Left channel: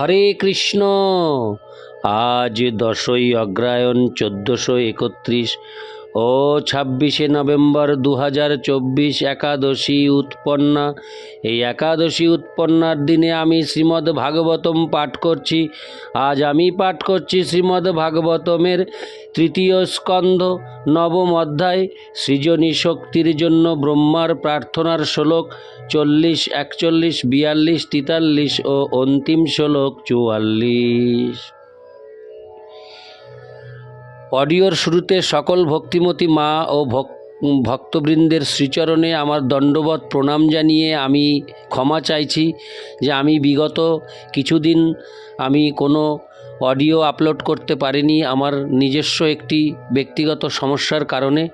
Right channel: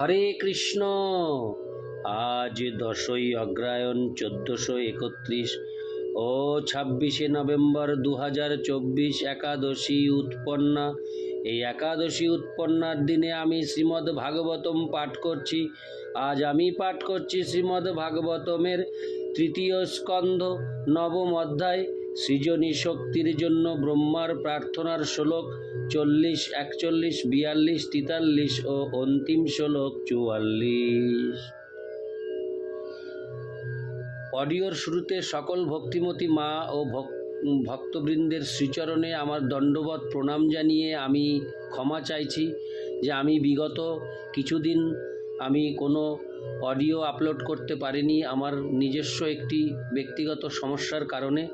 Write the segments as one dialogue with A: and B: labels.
A: হরে কৃষ্ণ। আজ দশই অগ্রায়ণ চোদ্দশো একত্রিশ। ও ছাব্বিশে নভেম্বর দু হাজার চব্বিশ একাদশী উৎপন্না। এই একাদশী উৎপন্নার দিনে আমি শ্রীমদ্ ভাগবতম পাঠ করছি। আজ আমি পাঠ করছি শ্রীমদ্ ভাগবতমের তৃতীয় স্কন্ধ, নবম অধ্যায়, সৃজনী শক্তির জন্য ব্রহ্মার প্রার্থনার শ্লোক চল্লিশ, একচল্লিশ, বিয়াল্লিশ, তেতাল্লিশ ও অন্তিম শ্লোক চুয়াল্লিশ। অডিওর শুরুতে সকল ভক্তিমতী মা ও ভক- ভক্তবৃন্দের শ্রীচরণে আমার দণ্ডবত প্রণাম জানিয়ে আমি ক্ষমা চাইছি যে আমি বিগত কিছুদিন আমি কোনো অডিও আপলোড করতে পারিনি আমার নিজস্ব একটি ব্যক্তিগত সমস্যার কারণে।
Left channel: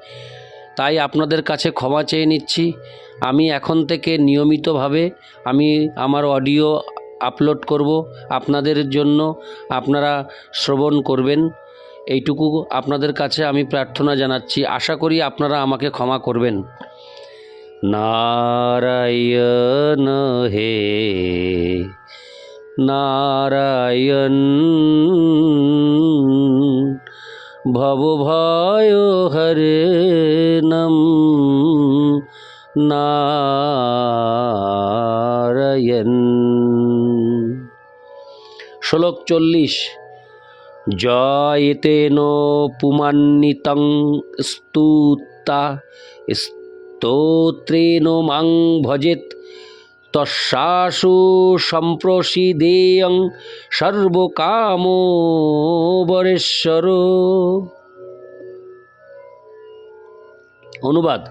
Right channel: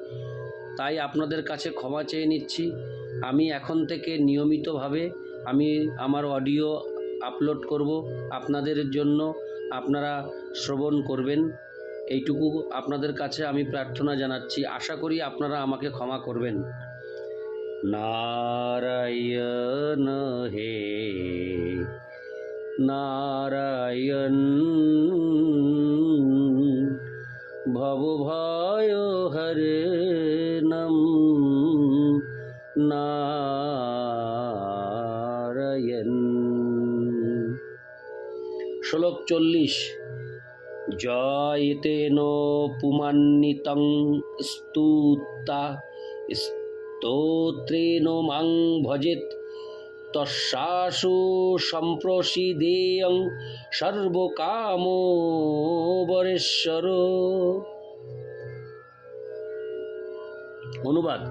A: তাই আপনাদের কাছে ক্ষমা চেয়ে নিচ্ছি। আমি এখন থেকে নিয়মিতভাবে আমি আমার অডিও আপলোড করব। আপনাদের জন্য আপনারা শ্রবণ করবেন। এইটুকু আপনাদের কাছে আমি প্রার্থনা জানাচ্ছি। আশা করি আপনারা আমাকে ক্ষমা করবেন। নারায়ণ হে, নারায়ণ ভব ভয় হরে নম, নারায়ণ। শ্লোক চল্লিশ। জয়তেন পুমান্বিতং স্তুতা স্তোত্রেণ মাং ভজেত তস্যাসু সম্প্রসিদেয়ং সর্বকামো বরেশ্বর। অনুবাদ,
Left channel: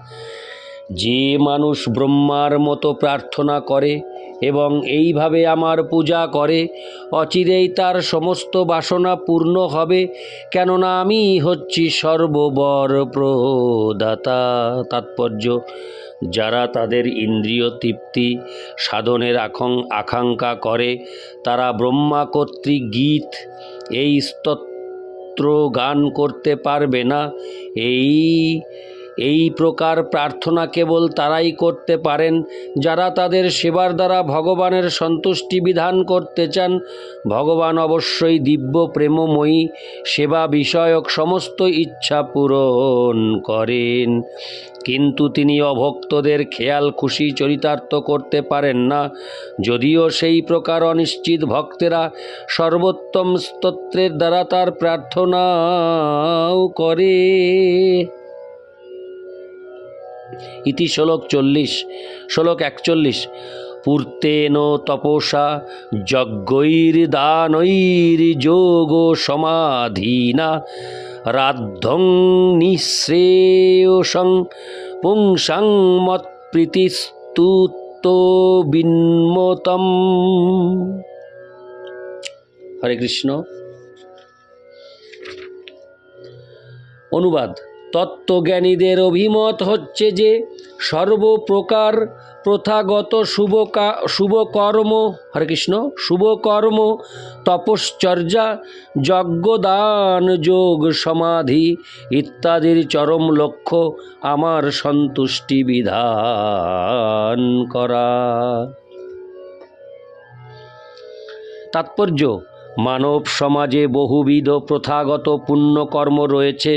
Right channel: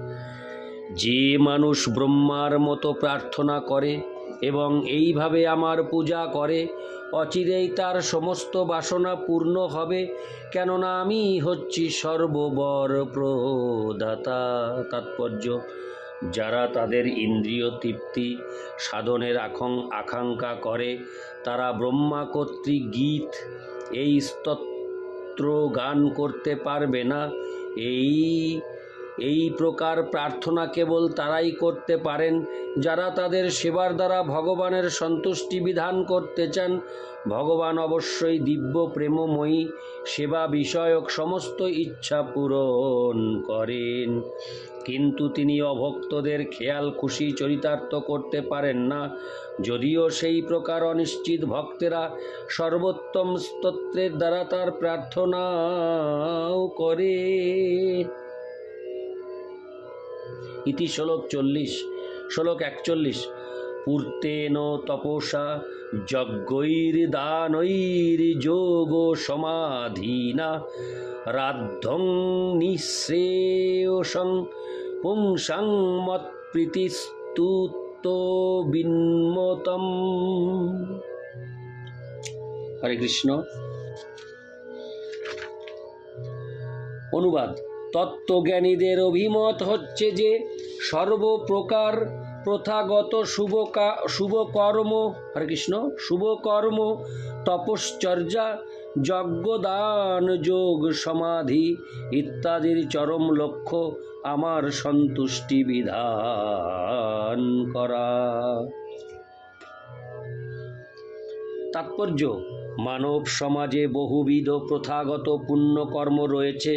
A: যে মানুষ ব্রহ্মার মতো প্রার্থনা করে এবং এইভাবে আমার পূজা করে। অচিরেই তার সমস্ত বাসনা পূর্ণ হবে, কেননা আমি হচ্ছি সর্ববর প্রদাতা তাৎপর্য, যারা তাদের ইন্দ্রিয় তৃপ্তি, সাধনের আকাং আকাঙ্ক্ষা করে, তারা ব্রহ্মা কর্তৃক গীত, এই স্তোত্র গান করতে পারবে না। এই এই প্রকার প্রার্থনা কেবল তারাই করতে পারেন। যারা তাদের সেবার দ্বারা ভগবানের সন্তুষ্টি বিধান করতে চান, ভগবান অবশ্যই দিব্য প্রেমময়ী, সেবা বিষয়ক সমস্ত ইচ্ছা পূরণ করেন। কিন্তু তিনি অভক্তদের খেয়াল খুশি চরিতার্থ করতে পারেন না। যদিও সেই প্রকার অনিশ্চিত ভক্তেরা সর্বোত্তম স্তোত্রের দ্বারা তার প্রার্থনাও করে। ইতি শ্লোক চল্লিশ। শ্লোক একচল্লিশ। পূর্তেন তপসা যজ্ঞৈর্দানৈর যোগ সমাধীনা রাদ্ধং নিঃশ্রেয়সং পুংসাং মৎপ্রীতিস্তুত বিন্মতম। হরে কৃষ্ণ। অনুবাদ। তত্ত্বজ্ঞানীদের অভিমত হচ্ছে যে সর্বপ্রকার প্রথাগত শুভ শুভকর্ম হরে কৃষ্ণ শুভকর্ম, তপশ্চর্যা, যজ্ঞদান যোগ সমাধি ইত্যাদির চরম লক্ষ্য আমার সন্তুষ্টি বিধান করা। তাৎপর্য মানব সমাজে বহুবিধ প্রথাগত পুণ্যকর্ম রয়েছে,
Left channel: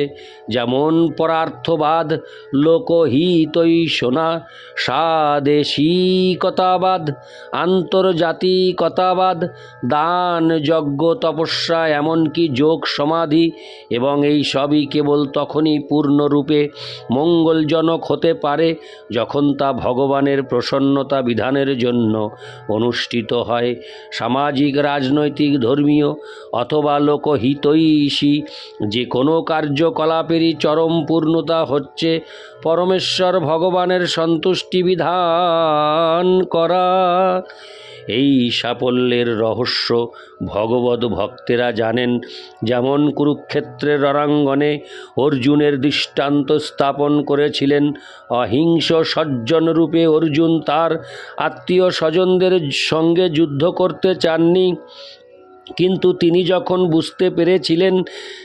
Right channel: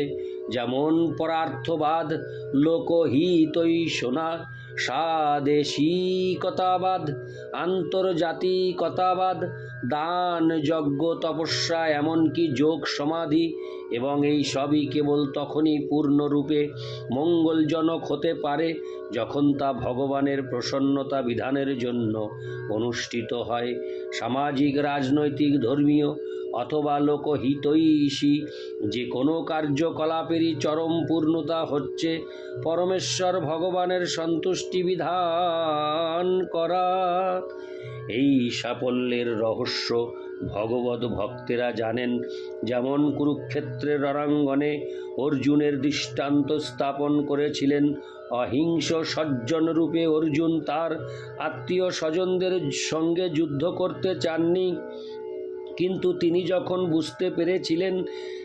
A: যেমন পরার্থবাদ, লোকহিতৈষণা, স্বাদেশিকতাবাদ, আন্তর্জাতিকতাবাদ, দান, যজ্ঞ, তপস্যা, এমনকি যোগ সমাধি, এবং এই সবই কেবল তখনই পূর্ণরূপে মঙ্গলজনক হতে পারে, যখন তা ভগবানের প্রসন্নতা বিধানের জন্য অনুষ্ঠিত হয়। সামাজিক, রাজনৈতিক, ধর্মীয় অথবা লোকহিতৈষী। যে কোনো কার্যকলাপেরই চরম পূর্ণতা হচ্ছে পরমেশ্বর ভগবানের সন্তুষ্টি বিধান করা। এই সাফল্যের রহস্য ভগবত ভক্তেরা জানেন। যেমন কুরুক্ষেত্রের রণাঙ্গনে অর্জুনের দৃষ্টান্ত স্থাপন করেছিলেন। অহিংস সজ্জন রূপে অর্জুন তার আত্মীয় স্বজনদের সঙ্গে যুদ্ধ করতে চাননি। কিন্তু তিনি যখন বুঝতে পেরেছিলেন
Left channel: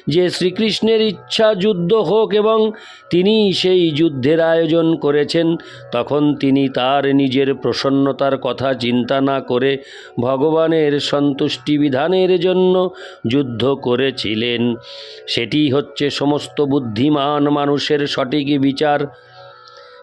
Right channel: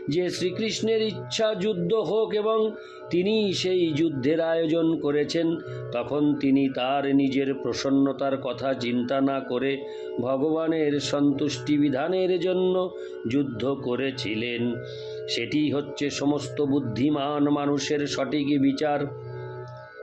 A: যে শ্রীকৃষ্ণের ইচ্ছা যুদ্ধ হোক এবং তিনি সেই যুদ্ধের আয়োজন করেছেন, তখন তিনি তার নিজের প্রসন্নতার কথা চিন্তা না করে ভগবানের সন্তুষ্টি বিধানের জন্য যুদ্ধ করেছিলেন। সেটি হচ্ছে সমস্ত বুদ্ধিমান মানুষের সঠিক বিচার।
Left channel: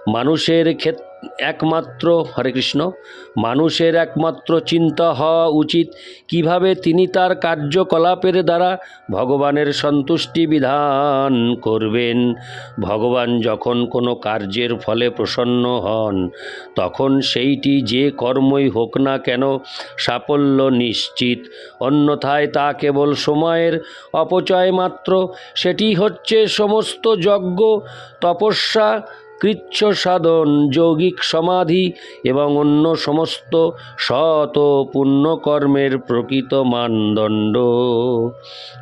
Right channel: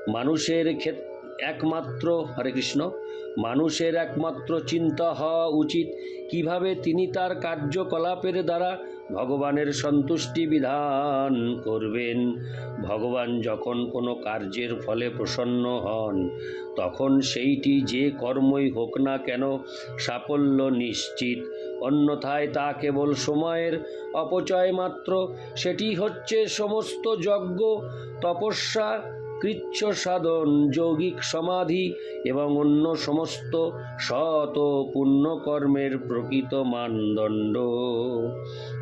A: মানুষের ক্ষেত একমাত্র হরে কৃষ্ণ। মানুষের একমাত্র চিন্তা হওয়া উচিত কীভাবে তিনি তার কার্যকলাপের দ্বারা ভগবানের সন্তুষ্টি বিধান করবেন। ভগবান যখন কোনো কার্যের ফলে প্রসন্ন হন, তখন সেইটি যে কর্মই হোক না কেন সাফল্য নিশ্চিত। অন্যথায় তা কেবল সময়ের অপচয় মাত্র। সেটি হচ্ছে সমস্ত যজ্ঞ, তপস্যা কৃচ্ছ সাধন যৌগিক সমাধি এবং অন্য সমস্ত ও পুণ্যকর্মের প্রকৃত মানদণ্ড।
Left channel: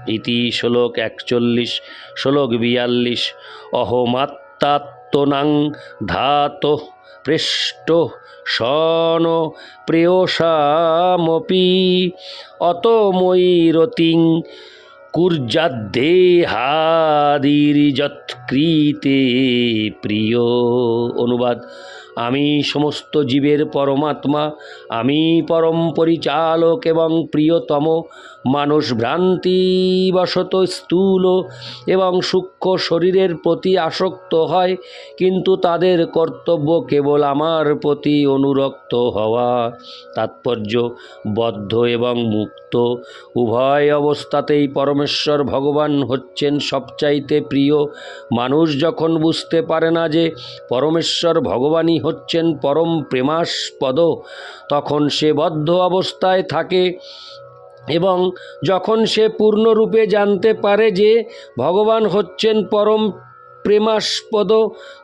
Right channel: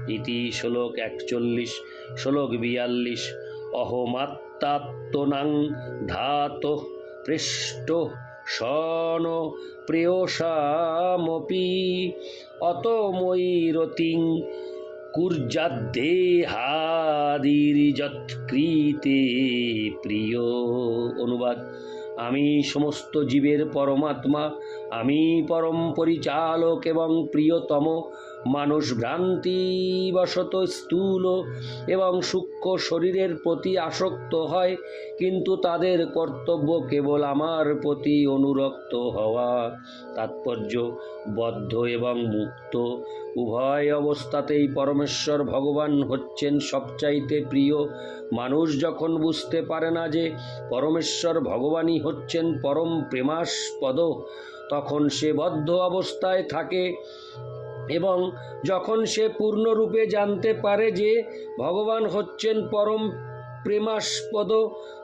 A: ইতি শ্লোক একচল্লিশ, শ্লোক বিয়াল্লিশ। অহমাত্মাত্মনাং ধাত পৃষ্ট শন প্রেয়সামপি। অত কুর্যাদ্দেহাদির যৎকৃতে প্রিয়। অনুবাদ আমি সমস্ত জীবের পরমাত্মা আমি পরম পরিচালক এবং প্রিয়তম মানুষ ভ্রান্তিবশত স্থূল এবং সূক্ষ্ম শরীরের প্রতি আসক্ত হয়, কিন্তু তাদের কর্তব্য কেবল আমার প্রতি অনুরক্ত হওয়া। তাৎপর্য, বদ্ধ এবং মুক্ত। উভয় অবস্থাতেই পরমেশ্বর ভগবান হচ্ছেন সবচাইতে প্রিয়। মানুষ যখন বুঝতে পারে না যে পরমেশ্বর ভগবানই হচ্ছেন পরম প্রেমাস্পদ, তখন সে বদ্ধ অবস্থায় থাকে। এবং যখন সে পূর্ণরূপে জানতে পারে যে ভগবান হচ্ছেন পরম প্রেমাস্পদ,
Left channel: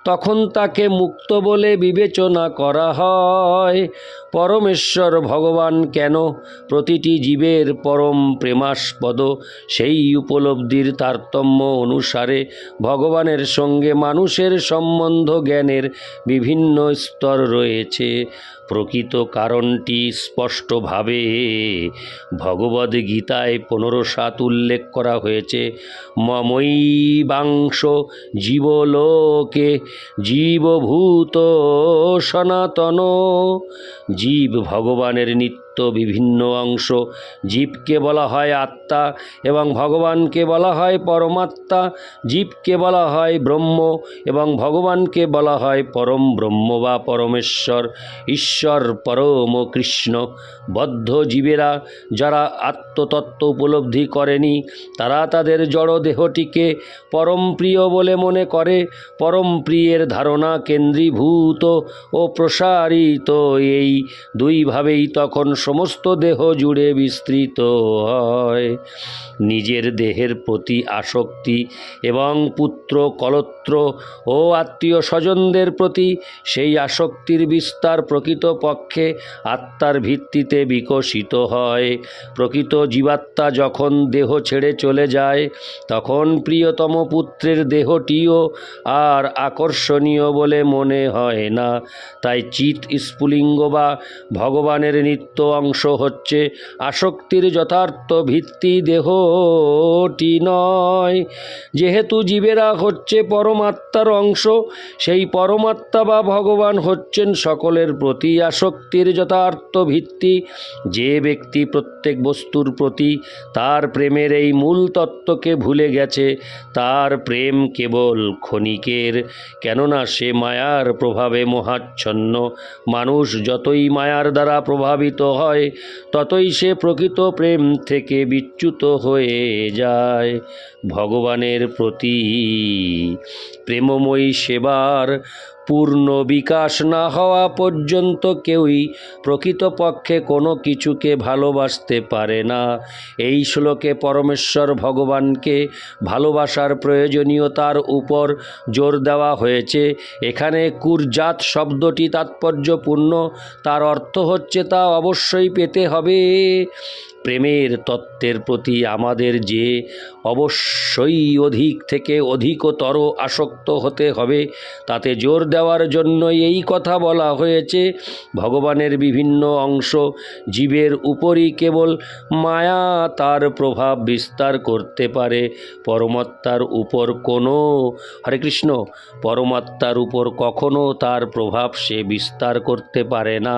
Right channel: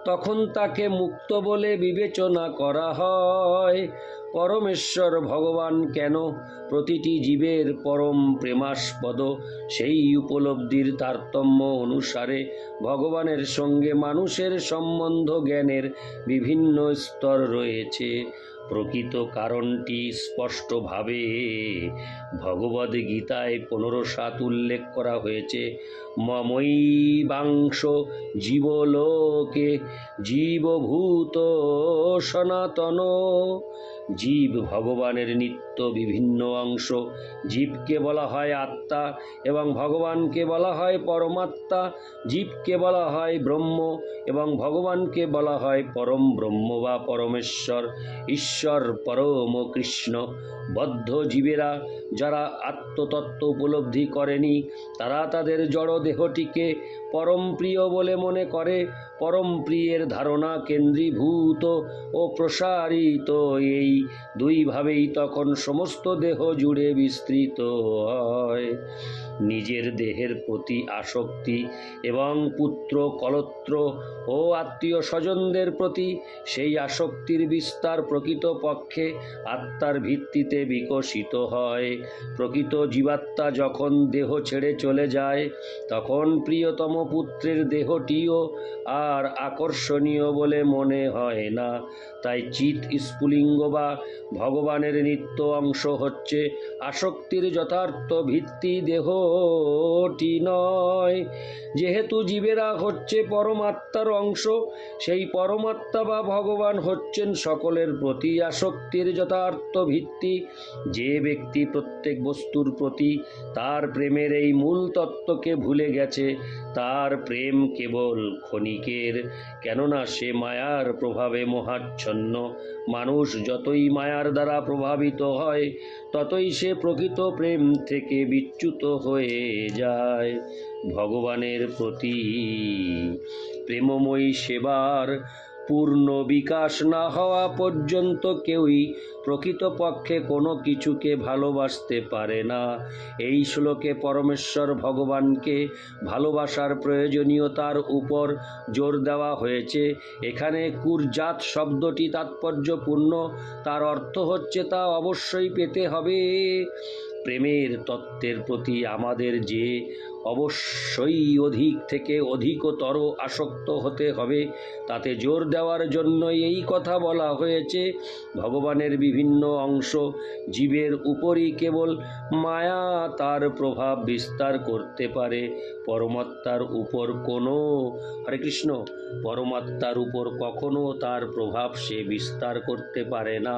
A: তখন তাকে মুক্ত বলে বিবেচনা করা হয়। পরমেশ্বর ভগবান কেন প্রতিটি জীবের পরম প্রেমাস্পদ? সেই উপলব্ধির তারতম্য অনুসারে ভগবানের সঙ্গে মানুষের সম্বন্ধ জ্ঞানের বিভিন্ন স্তর রয়েছে। প্রকৃত কারণটি স্পষ্টভাবে ভগবদ গীতায় পনেরো সাত উল্লেখ করা হয়েছে। মমৈবাংশ জীবলোকে জীবভূত সনাতন। জীব ভগবানের নিত্য বিভিন্ন অংশ জীবকে বলা হয় আত্মা এবং ভগবানকে বলা হয় পরমাত্মা। জীবকে বলা হয় ব্রহ্ম এবং ভগবানকে বলা হয় পরম ব্রহ্ম বা পরমেশ্বর, ঈশ্বর, পরম কৃষ্ণ। বদ্ধ জীবেরা যারা আত্মতত্ত্ব উপলব্ধি করেনি, তারা তাদের জড় দেহটিকে পরম বলে মনে করে। পরম প্রিয়ের ধারণা কেন্দ্রীভূত ও প্রসারিত এই দুইভাবেই তখন সমস্ত দেহ জুড়ে বিস্তৃত হয়। নিজের দেহের প্রতি আসক্তি এবং পুত্র, কলত্র ও আত্মীয় স্বজনদের প্রতি সেই আসক্তির বিস্তার প্রকৃত পক্ষে আত্মার ভিত্তিতে বিকশিত হয়। প্রকৃত জীবাত্মা যখন দেহ ছেড়ে চলে যায়, তখন প্রিয়তম পুত্রের দেহটিও আর আকর্ষণীয় বলে মনে হয় না। তাই চিত স্ফুলিঙ্গ বা ভগবানের নিত্য অংশ হচ্ছে। আসক্তির যথার্থ ভিত্তি দেহটি নয়। যেহেতু জীবেরা হচ্ছে পরমাত্মার অংশ, সেই পরমাত্মা বা ভগবান হচ্ছেন সকলের প্রতি আসক্তির যথার্থ ভিত্তি। যে ব্যক্তি প্রত্যেক বস্তুর প্রতি তার প্রেমের এই মূল তত্ত্বকে ভুলে গেছে, তার প্রেম কেবল ক্ষণিকের। কেননা সে মায়ার প্রভাবে মহাচ্ছন্ন। মানুষ যতই মায়ার দ্বারা প্রভাবিত হয় ততই সে প্রকৃত প্রেম থেকে বিচ্যুত হয়ে যায়। ভগবানের প্রতি প্রেমময়ী সেবার পূর্ণ বিকাশ না হওয়া পর্যন্ত কেউই প্রকৃতপক্ষে কোনো কিছুকে ভালোবাসতে পারে না। এই শ্লোকে পরমেশ্বর ভগবানকে ভালোবাসার প্রয়োজনীয়তার উপর জোর দেওয়া হয়েছে। এখানে কুরজাত শব্দটি তাৎপর্যপূর্ণ, তার অর্থ হচ্ছে তা অবশ্যই পেতে হবে। প্রেমের তত্ত্বের প্রতি আমাদের যে অবশ্যই অধিক থেকে অধিকতর আসক্ত হতে হবে, তাতে জোর দেওয়ার জন্য এই কথা বলা হয়েছে। ভগবানের বিভিন্ন অংশ জীবের উপরই কেবল মায়া তার প্রভাব বিস্তার করতে পারে, পরমাত্মার উপর কোনো, হরে কৃষ্ণ, পরমাত্মার উপর কখনো তার প্রভাব সে বিস্তার করতে পারে না।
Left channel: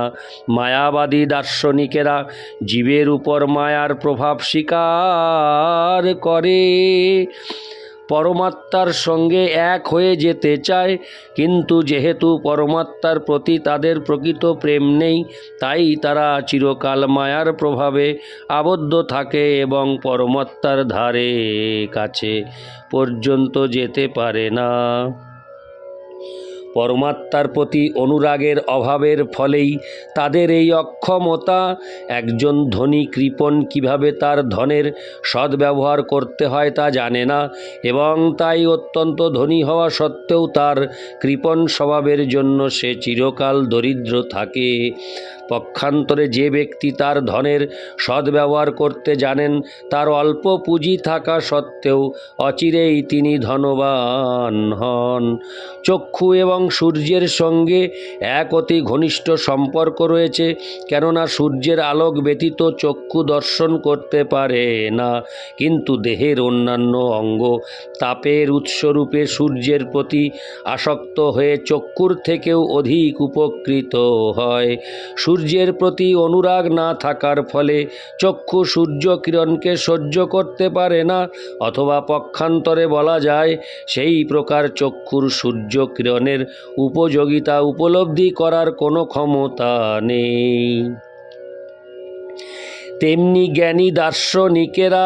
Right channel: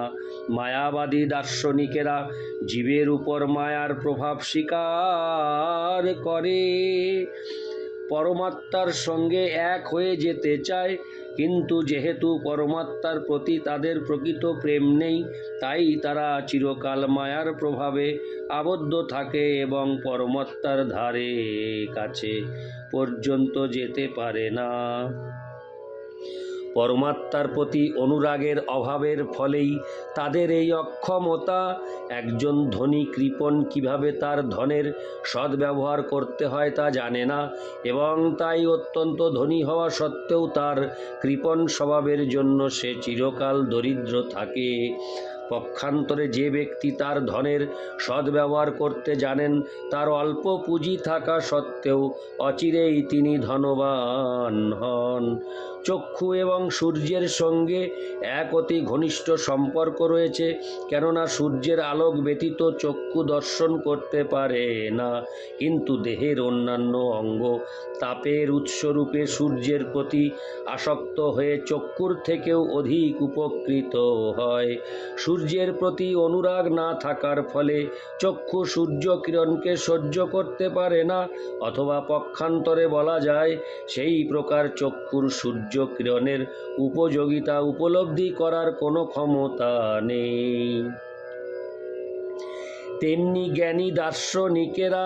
A: মায়াবাদী দার্শনিকেরা জীবের উপর মায়ার প্রভাব স্বীকার করে। পরমাত্মার সঙ্গে এক হয়ে যেতে চায়, কিন্তু যেহেতু পরমাত্মার প্রতি তাদের প্রকৃত প্রেম নেই, তাই তারা চিরকাল মায়ার প্রভাবে আবদ্ধ থাকে এবং পরমাত্মার ধারে কাছে পর্যন্ত যেতে পারে না। পরমাত্মার প্রতি অনুরাগের অভাবের ফলেই তাদের এই অক্ষমতা। একজন ধনী কৃপণ কীভাবে তার ধনের সদ্ব্যবহার করতে হয় তা জানে না এবং তাই অত্যন্ত ধনী হওয়া সত্ত্বেও তার কৃপণ স্বভাবের জন্য সে চিরকাল দরিদ্র থাকে। পক্ষান্তরে যে ব্যক্তি তার ধনের সদ্ব্যবহার করতে জানেন, তার অল্প পুঁজি থাকা সত্ত্বেও অচিরেই তিনি ধনবান হন। চক্ষু এবং সূর্যের সঙ্গে এক অতি ঘনিষ্ঠ সম্পর্ক রয়েছে, কেননা সূর্যের আলোক ব্যতীত চক্ষু দর্শন করতে পারে না, কিন্তু দেহের অন্যান্য অঙ্গ তাপের উৎসরূপে সূর্যের প্রতি আসক্ত হয়ে চক্ষুর থেকেও অধিক উপকৃত হয়। সূর্যের প্রতি অনুরাগ না থাকার ফলে চক্ষু সূর্য কিরণকে সহ্য করতে পারে না, অথবা পক্ষান্তরে বলা যায় সেই প্রকার চক্ষুর সূর্য কিরণের উপযোগিতা উপলব্ধি করার কোনো ক্ষমতা নেই। তেমনি জ্ঞানী দার্শনিকেরা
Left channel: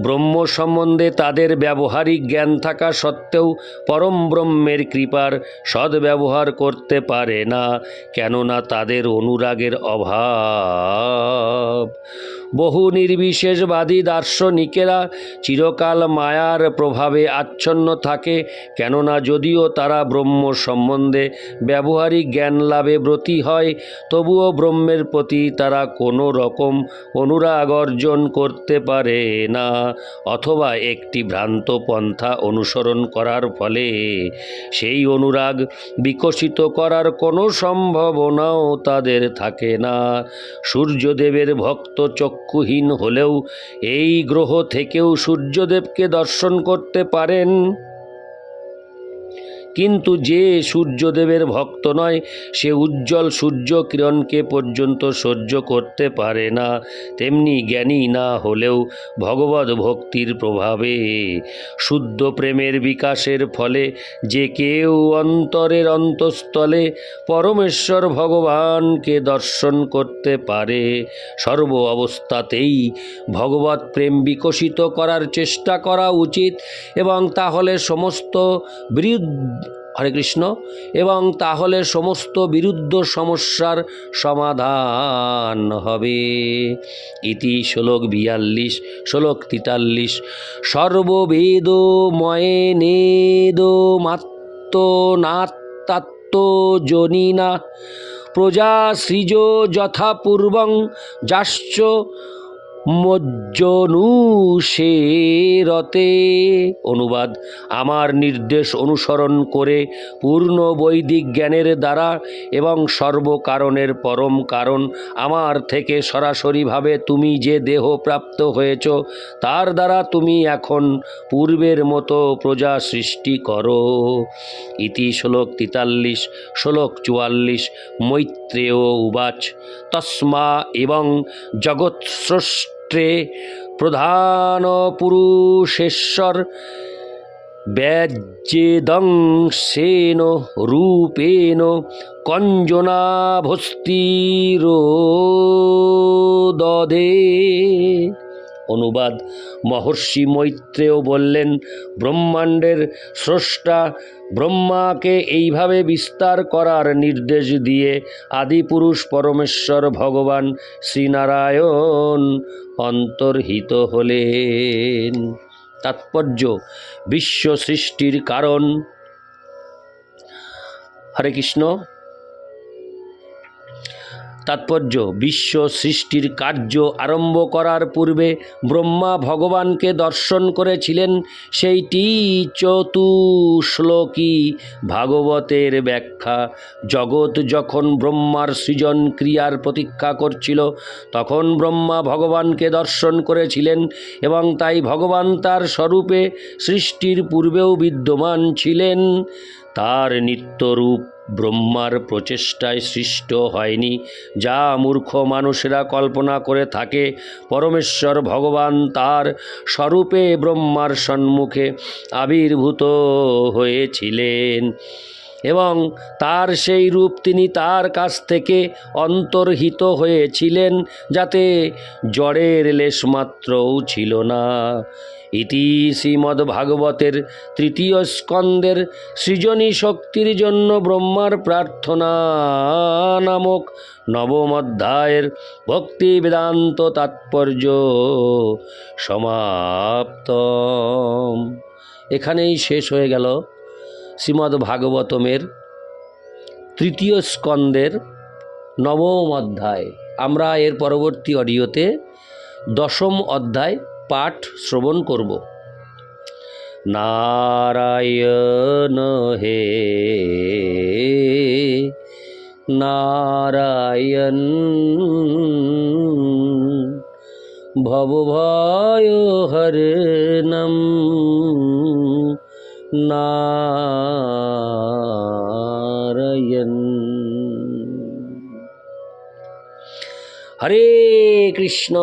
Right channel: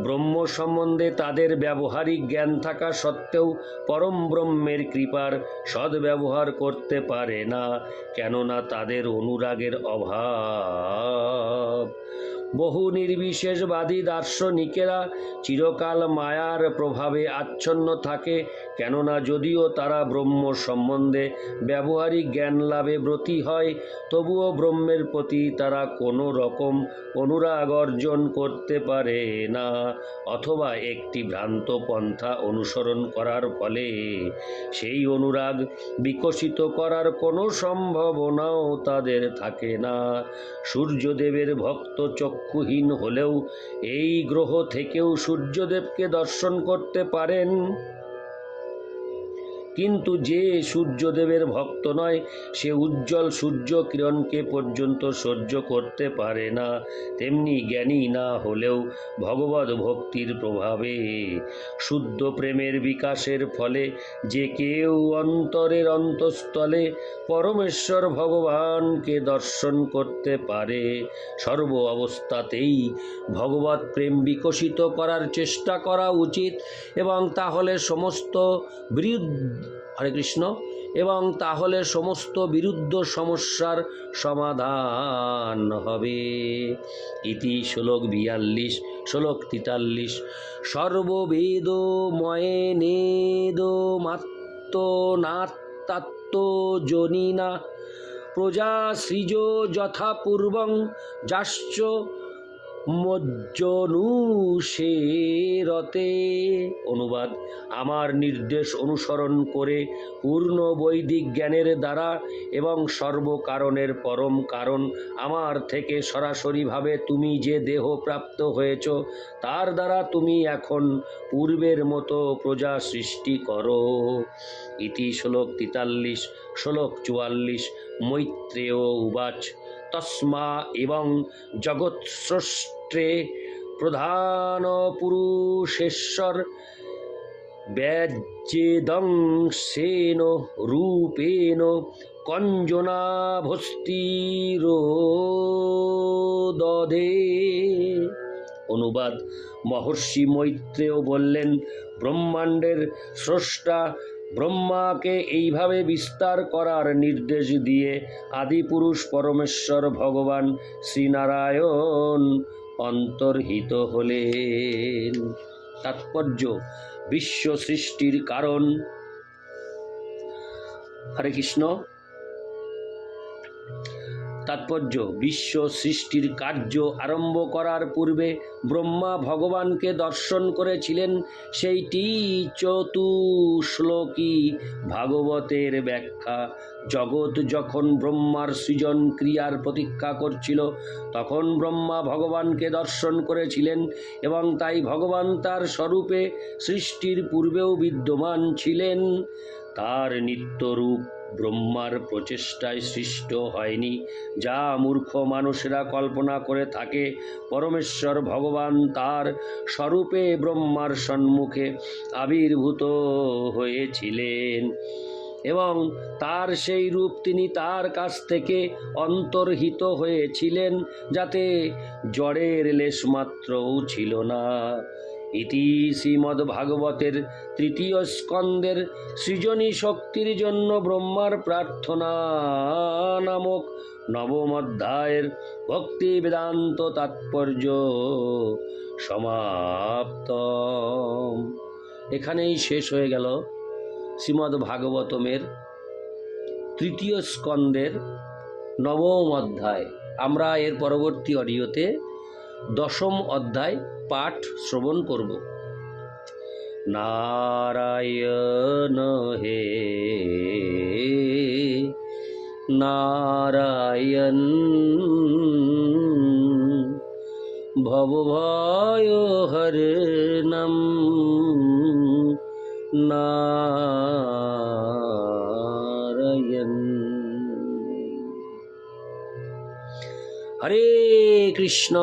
A: ব্রহ্ম সম্বন্ধে তাদের ব্যবহারিক জ্ঞান থাকা সত্ত্বেও পরম ব্রহ্মের কৃপার সদ্ব্যবহার করতে পারে না, কেননা তাদের অনুরাগের অভাব। বহু নির্বিশেষবাদী দার্শনিকেরা চিরকাল মায়ার প্রভাবে আচ্ছন্ন থাকে, কেননা যদিও তারা ব্রহ্ম সম্বন্ধে ব্যবহারিক জ্ঞান লাভে ব্রতী হয়, তবুও ব্রহ্মের প্রতি তারা কোনো রকম অনুরাগ অর্জন করতে পারে না, অথবা একটি ভ্রান্ত পন্থা অনুসরণ করার ফলে। সেই অনুরাগ বিকশিত করার কোনো সম্ভাবনাও তাদের থাকে না। সূর্যদেবের ভক্ত চক্ষুহীন হলেও এই গ্রহ থেকেও সূর্যদেবকে দর্শন করতে পারেন। কিন্তু যে সূর্যদেবের ভক্ত নয়, সে উজ্জ্বল সূর্য কিরণকে পর্যন্ত সহ্য করতে পারে না। তেমনি জ্ঞানী না হলেও ভগবত ভক্তির প্রভাবে। শুদ্ধ প্রেমের বিকাশের ফলে যে কেউ অন্তরের অন্তঃস্থলে পরমেশ্বর ভগবানকে দর্শন করতে পারে। সর্ব অবস্থাতেই ভগবত প্রেম বিকশিত করার চেষ্টা করা উচিত এবং তাহলে সমস্ত বিরুদ্ধ হরে কৃষ্ণ। এবং তাহলে সমস্ত বিরুদ্ধ সমস্যার সমাধান হবে। ইতি শ্লোক বিয়াল্লিশ, শ্লোক তেতাল্লিশ। সর্ববেদ ময়ে নেদ মাত্র নাত্তাত্ম জনিনা। প্রজা সৃজ যথাপূর্বং যাশ্চ মজ্জনুষেরতে। অনুবাদ, আমার নির্দেশ অনুসরণ করে পূর্ণ বৈদিক জ্ঞানের দ্বারা এবং সর্বকারণের পরম কারণ। আমার থেকে সরাসরিভাবে তুমি যে দেহ প্রাপ্ত হয়েছ, তার দ্বারা তুমি এখন পূর্বের মতো প্রজা সৃষ্টি করো। ইতি শ্লোক তেতাল্লিশ, শ্লোক চুয়াল্লিশ, মৈত্রেয় উবাচ। তস্মা এবং জগৎ স্রষ্টে প্রধান পুরুষেশ্বর ব্যাজ্যেদংশেন রূপেণ কঞ্জনাভস্তিরোদধে। অনুবাদ মহর্ষি মৈত্রেয় বললেন, ব্রহ্মাণ্ডের স্রষ্টা ব্রহ্মাকে এইভাবে বিস্তার করার নির্দেশ দিয়ে আদিপুরুষ পরমেশ্বর ভগবান শ্রীনারায়ণ অন্তর্হিত হলেন। তাৎপর্য বিশ্ব সৃষ্টির কারণ। হরে কৃষ্ণ। তাৎপর্য, বিশ্ব সৃষ্টির কার্য আরম্ভ করার পূর্বে ব্রহ্মা ভগবানকে দর্শন করেছিলেন সেইটি চতুশ্লোকী ভাগবতের ব্যাখ্যা। জগৎ যখন ব্রহ্মার সৃজন ক্রিয়ার প্রতীক্ষা করছিল, তখন ব্রহ্মা ভগবানকে দর্শন করেছিলেন এবং তাই ভগবান তার স্বরূপে সৃষ্টির পূর্বেও বিদ্যমান ছিলেন। তার নিত্যরূপ ব্রহ্মার প্রচেষ্টায় সৃষ্ট হয়নি, যা মূর্খ মানুষেরা কল্পনা করে থাকে। পরমেশ্বর ভগবান তার স্বরূপে ব্রহ্মার সম্মুখে আবির্ভূত হয়েছিলেন এবং তার সেই রূপ তিনি তার কাছ থেকে অন্তর্হিত হয়েছিলেন, যাতে জড়ের লেশমাত্রও ছিল না। ইতি শ্রীমদ্ ভাগবতের তৃতীয় স্কন্দের সৃজনী শক্তির জন্য ব্রহ্মার প্রার্থনা নামক নবম অধ্যায়ের ভক্তি বেদান্ত তাৎপর্য সমাপ্ত এখানেই শেষ হয়ে গেল শ্রীমদ্ ভাগবতমের তৃতীয় স্কন্দের নবম অধ্যায়। আমরা এর পরবর্তী অডিওতে দশম অধ্যায় পাঠ শ্রবণ করব। নারায়ণ হে নারায়ণ ভবভয় হরণম নারায়ণ। হরে কৃষ্ণ।